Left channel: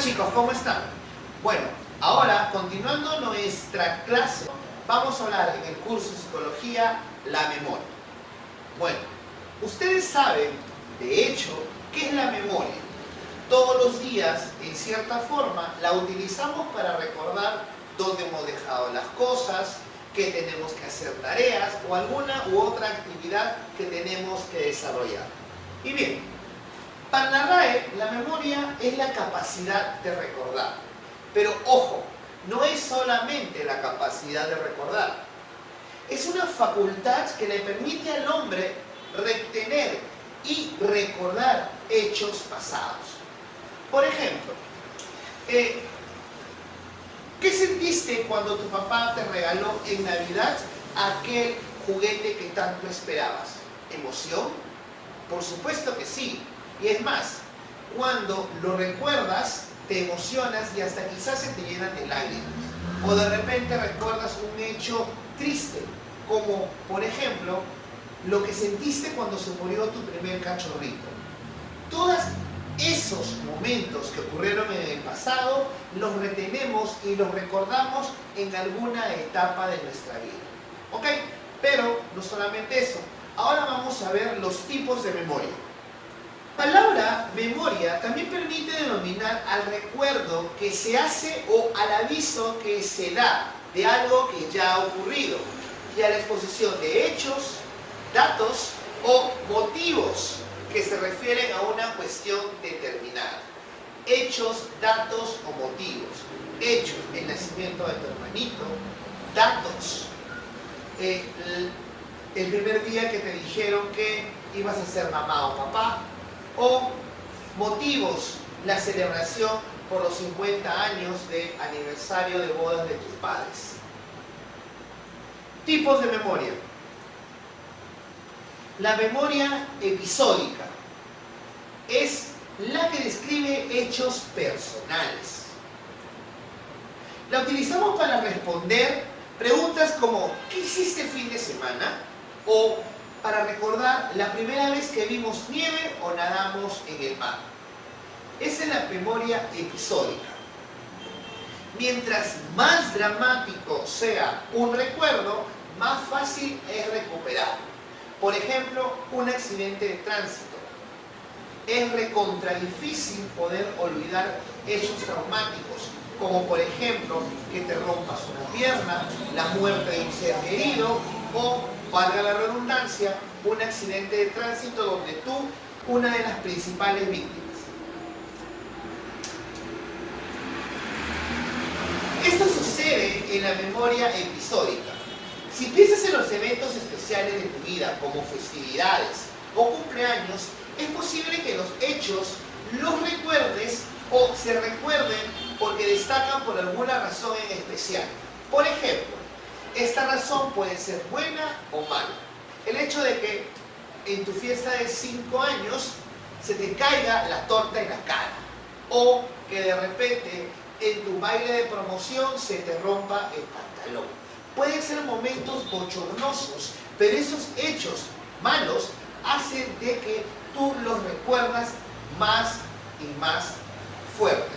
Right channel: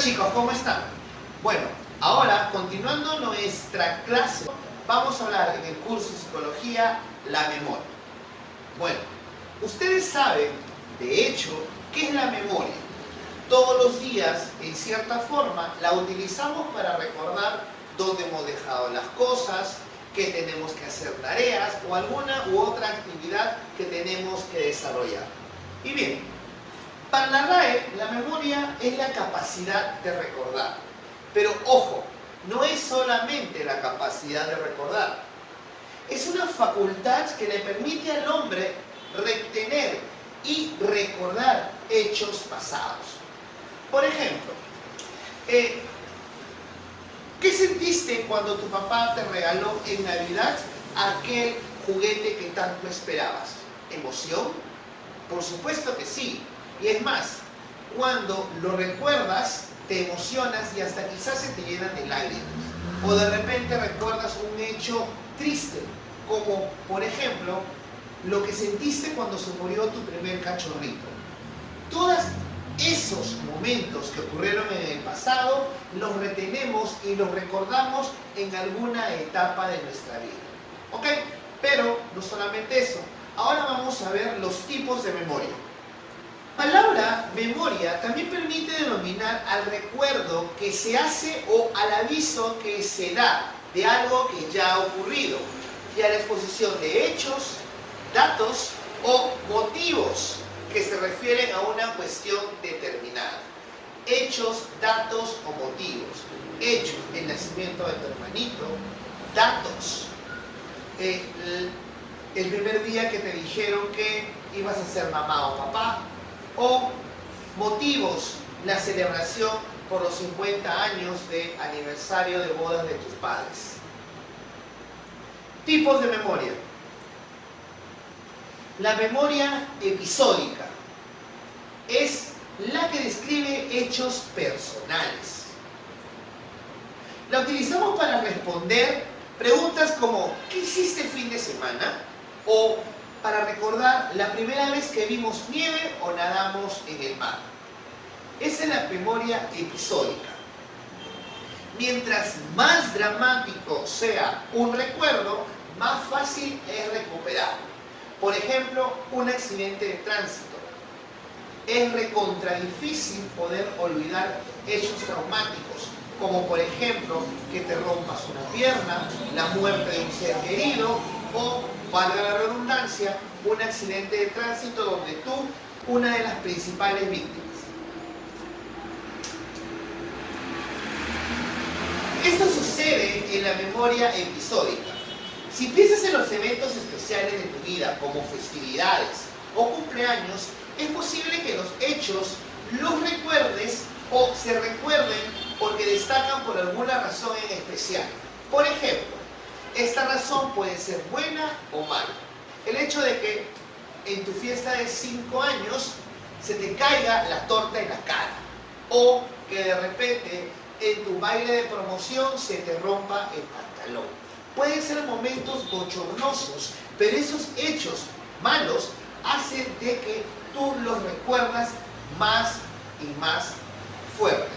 chicos, ¿cómo están? Bueno, ahora continuando nuestra clase, vamos a hablar en el curso de Psicología la memoria. Bueno, ustedes saben, de hecho, ¿qué es la memoria? Todos los días, en cierta forma, la utilizamos para recordar dónde hemos dejado las cosas, que tenemos que hacer tareas o alguna u otra actividad que tenemos que desarrollar. Y bien, para la RAE, la memoria es la capacidad de recordar. Pero ojo, no es solamente la capacidad de recordar. Es una facultad que le permite al hombre retener y recordar hechos pasados. Por ejemplo, ¿qué sentiste cuando tu papá te regaló en Navidad aquel juguete que tanto esperabas? ¿Emoción? Por supuesto que sí. Y es más, cuando lo recuerdas, te emocionas y hasta quizás se te llenan de lágrimas. O de repente recuerdas un hecho triste, como por ejemplo, lo que sentiste cuando se murió tu primer cachorrito. Todos esos momentos que ocurrieron en el pasado, los retenemos y los recordamos en alguna etapa de nuestra vida. ¿Ok? Pero no solamente eso. Ahora vamos a ver los tipos de memoria. La palabra memoria también permite denominar al recuerdo que se hace o al aviso que se da de algo que ya ha ocurrido y a la exposición de hechos, datos o motivos que se refieren a una cuestión determinada. Hechos, datos o motivos. Hechos, el nacimiento de tu hermanito. Datos, el primer día que te dijeron que ibas a ser mamá o papá. O motivos, la celebración por los 50 años de aniversario de bodas de tus padres. Tipos de memoria. La memoria episódica es la que describe hechos personales. La utilizamos para responder preguntas como ¿qué hiciste el fin de semana? O para recordar la primera vez que vimos nieve o nadamos en el mar. Esa es la memoria episódica. Mientras más dramático sea un recuerdo, más fácil es recuperarlo. Por ejemplo, un accidente de tránsito. Es recontra difícil poder olvidar hechos traumáticos, como por ejemplo que te rompas una pierna, la muerte de un ser querido o, valga la redundancia, un accidente de tránsito donde tú, una de las principales víctimas. Esto sucede en la memoria episódica. Si piensas en los eventos especiales de tu vida, como festividades o cumpleaños, es posible que los hechos los recuerdes o se recuerden porque destacan por alguna razón en especial. Por ejemplo, esta razón puede ser buena o mala. El hecho de que en tu fiesta de 5 años se te caiga la torta en la cara. O que de repente en tu baile de promoción se te rompa el pantalón. Pueden ser momentos bochornosos, pero esos hechos malos hacen de que tú los recuerdas más y más fuerte.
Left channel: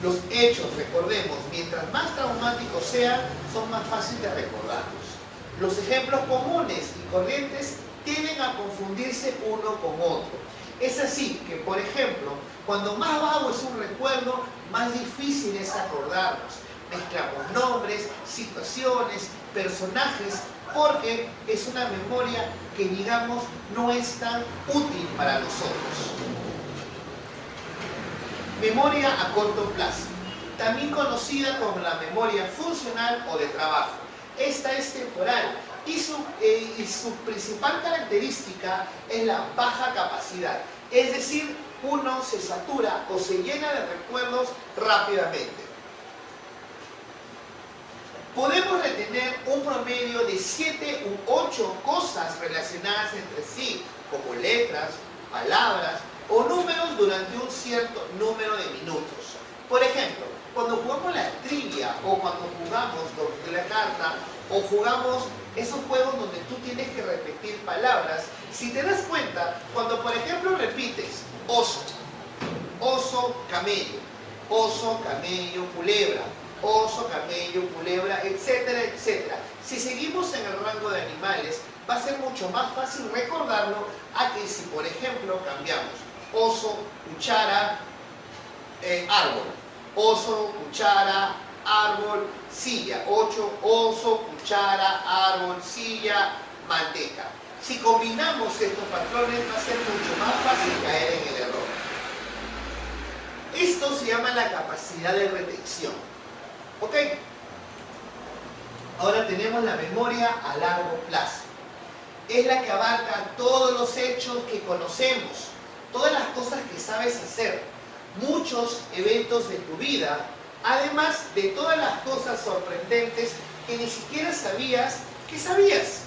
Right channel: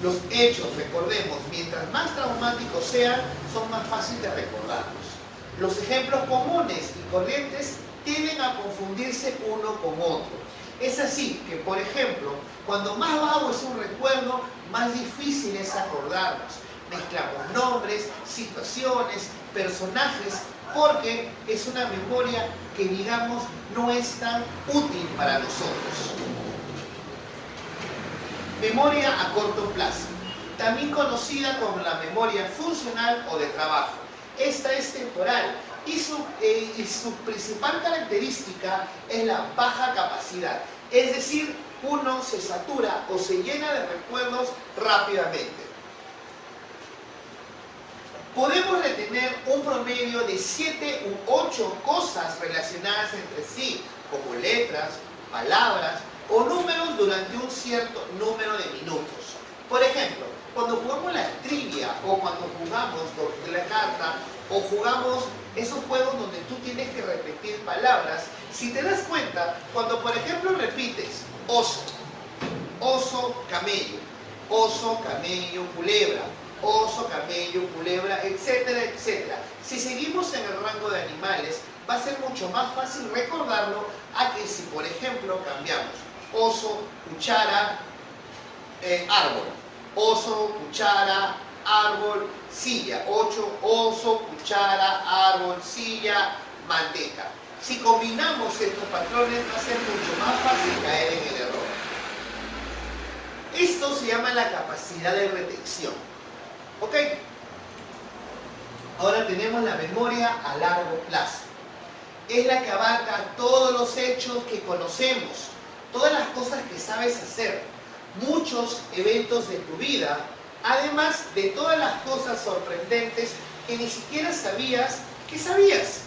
Los hechos, recordemos, mientras más traumáticos sean, son más fáciles de recordarlos. Los ejemplos comunes y corrientes tienden a confundirse uno con otro. Es así que, por ejemplo, cuando más vago es un recuerdo, más difícil es acordarnos. Mezclamos nombres, situaciones, personajes, porque es una memoria que, digamos, no es tan útil para nosotros. Memoria a corto plazo, también conocida como la memoria funcional o de trabajo. Esta es temporal y su principal característica es la baja capacidad. Es decir, uno se satura o se llena de recuerdos rápidamente. Podemos retener un promedio de 7 u 8 cosas relacionadas entre sí, como letras, palabras o números durante un cierto número de minutos. Por ejemplo, cuando jugamos la trivia o cuando jugamos la carta o jugamos esos juegos donde tú tienes que repetir palabras, si te das cuenta, cuando por ejemplo repites oso, oso, camello, oso, camello, culebra, oso, camello, culebra, etcétera, etcétera. Si seguimos en el rango de animales, va a ser mucho más fácil recordarlo a que si, por ejemplo, cambiamos oso, cuchara, árbol, oso, cuchara, árbol, silla. 8, oso, cuchara, árbol, silla, manteca. Si combinamos estos patrones va a ser mucho más fácil caer en el error. Esto se llama la capacidad de retención. ¿Ok? Ahora tenemos la memoria a largo plazo. Es la que abarca todos los hechos que conocemos, todas las cosas que sabes hacer, muchos eventos de tu vida, además de todas las cosas sorprendentes que ni siquiera sabías que sabías.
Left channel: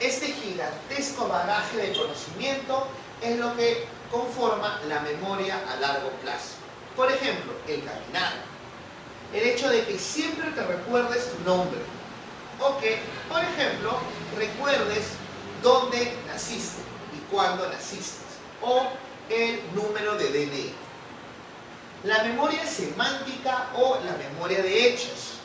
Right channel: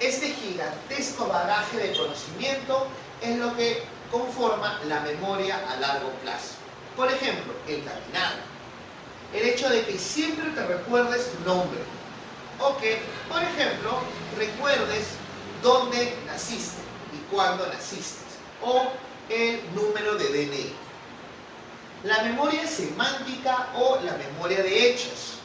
Este gigantesco bagaje de conocimiento es lo que conforma la memoria a largo plazo. Por ejemplo, el caminar. El hecho de que siempre te recuerdes tu nombre. O que, por ejemplo, recuerdes dónde naciste y cuándo naciste. O el número de DNI. La memoria semántica o la memoria de hechos.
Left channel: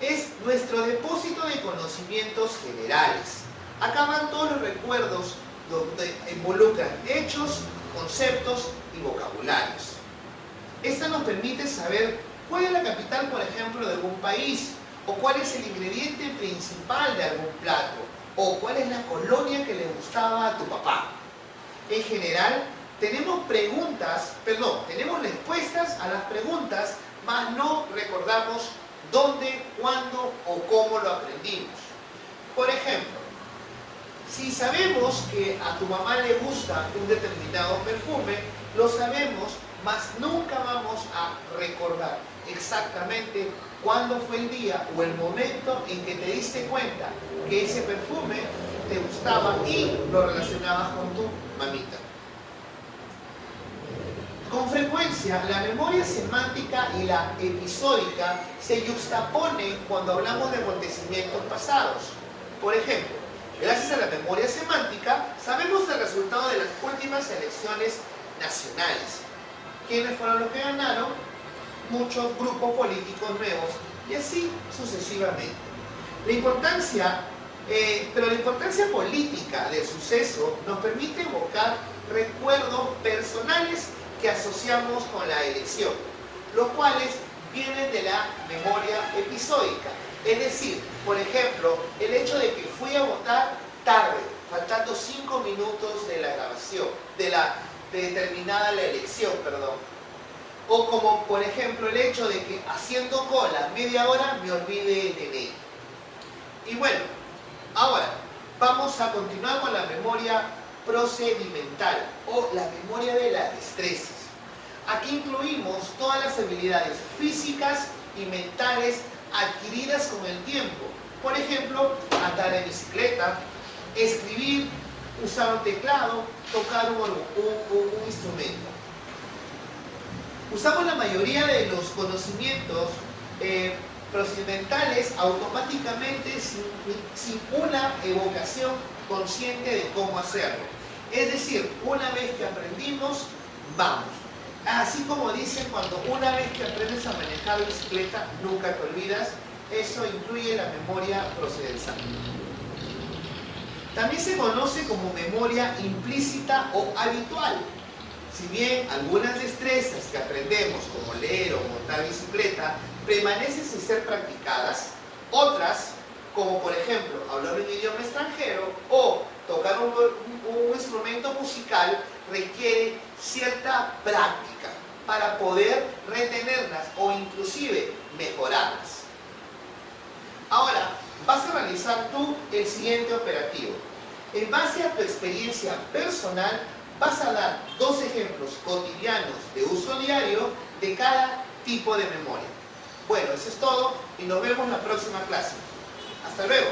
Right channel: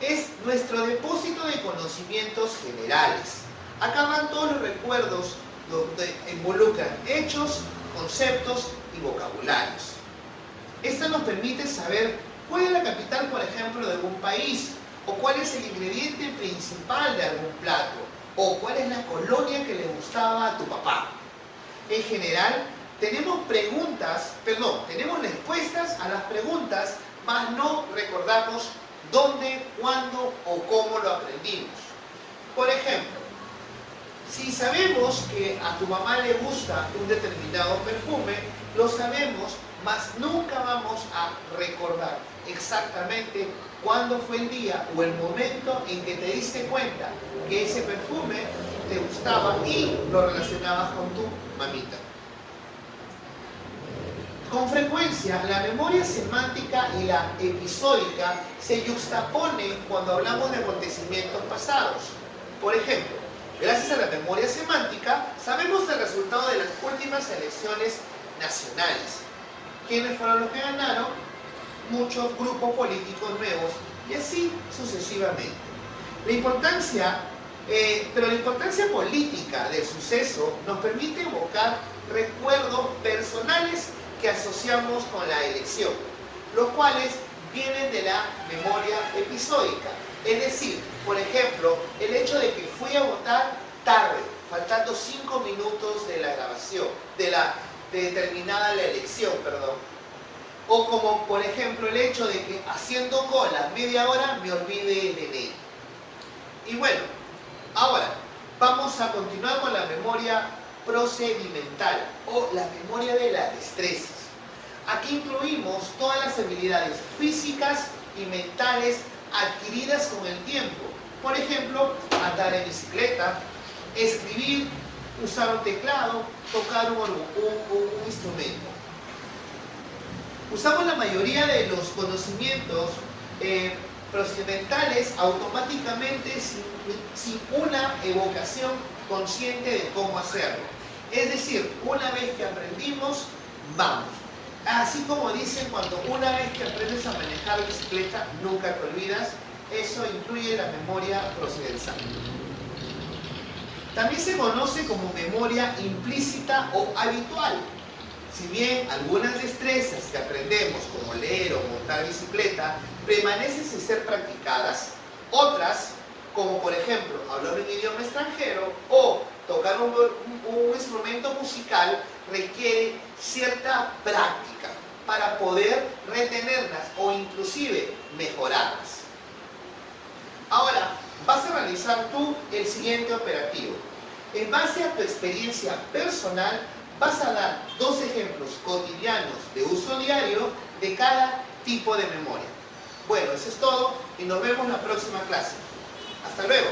Es nuestro depósito de conocimientos generales. Acá van todos los recuerdos donde involucran hechos, conceptos y vocabularios. Esta nos permite saber cuál es la capital, por ejemplo, de algún país, o cuál es el ingrediente principal de algún plato, o cuál es la colonia que le gustaba a tu papá. En general, tenemos respuestas a las preguntas, mas no recordamos dónde, cuándo o cómo lo aprendimos. Por ejemplo, si sabemos que a tu mamá le gusta un determinado perfume, lo sabemos, mas nunca vamos a recordar exactamente cuándo fue el día o el momento en que te diste cuenta que ese perfume te gustaba y lo relacionabas con tu mamita. Con frecuencia, la memoria semántica y la episódica se yuxtaponen cuando hablamos de acontecimientos pasados. Por ejemplo, gracias a la memoria semántica, sabemos el resultado de las últimas elecciones nacionales. ¿Quiénes fueron los que ganaron? Muchos grupos políticos nuevos, y así sucesivamente. La importancia política del suceso nos permite evocar recuerdos personales que asociamos con la elección, los cuales vienen de la memoria episódica. Es decir, por ejemplo, el hecho de que fui a votar tarde, faltando 5 minutos de la grabación, de terminada la elección, perdón. O como, por ejemplo, el hecho de que haciendo cola media hora me olvide el DNI. Y bueno, ahora vamos a continuar con la memoria procedimental o la memoria de las destrezas. Aquí incluimos todas las habilidades físicas y mentales adquiridas con el tiempo. Por ejemplo, andar en bicicleta, escribir, usar un teclado, tocar un instrumento. Usamos la mayoría de los conocimientos procedimentales automáticamente sin una evocación consciente de cómo hacerlo. Es decir, una vez que aprendimos, vamos. Así como dicen, cuando una vez que aprendes a manejar bicicleta, nunca te olvidas. Eso incluye la memoria procedencial. También se conoce como memoria implícita o habitual. Si bien algunas destrezas que aprendemos, como leer o montar bicicleta, permanecen sin ser practicadas, otras, como por ejemplo hablar un idioma extranjero o tocar un instrumento musical, requiere cierta práctica para poder retenerlas o inclusive mejorarlas. Ahora, vas a realizar tú el siguiente operativo. En base a tu experiencia personal, vas a dar 2 ejemplos cotidianos de uso diario de cada tipo de memoria. Bueno, eso es todo y nos vemos en la próxima clase. Hasta luego.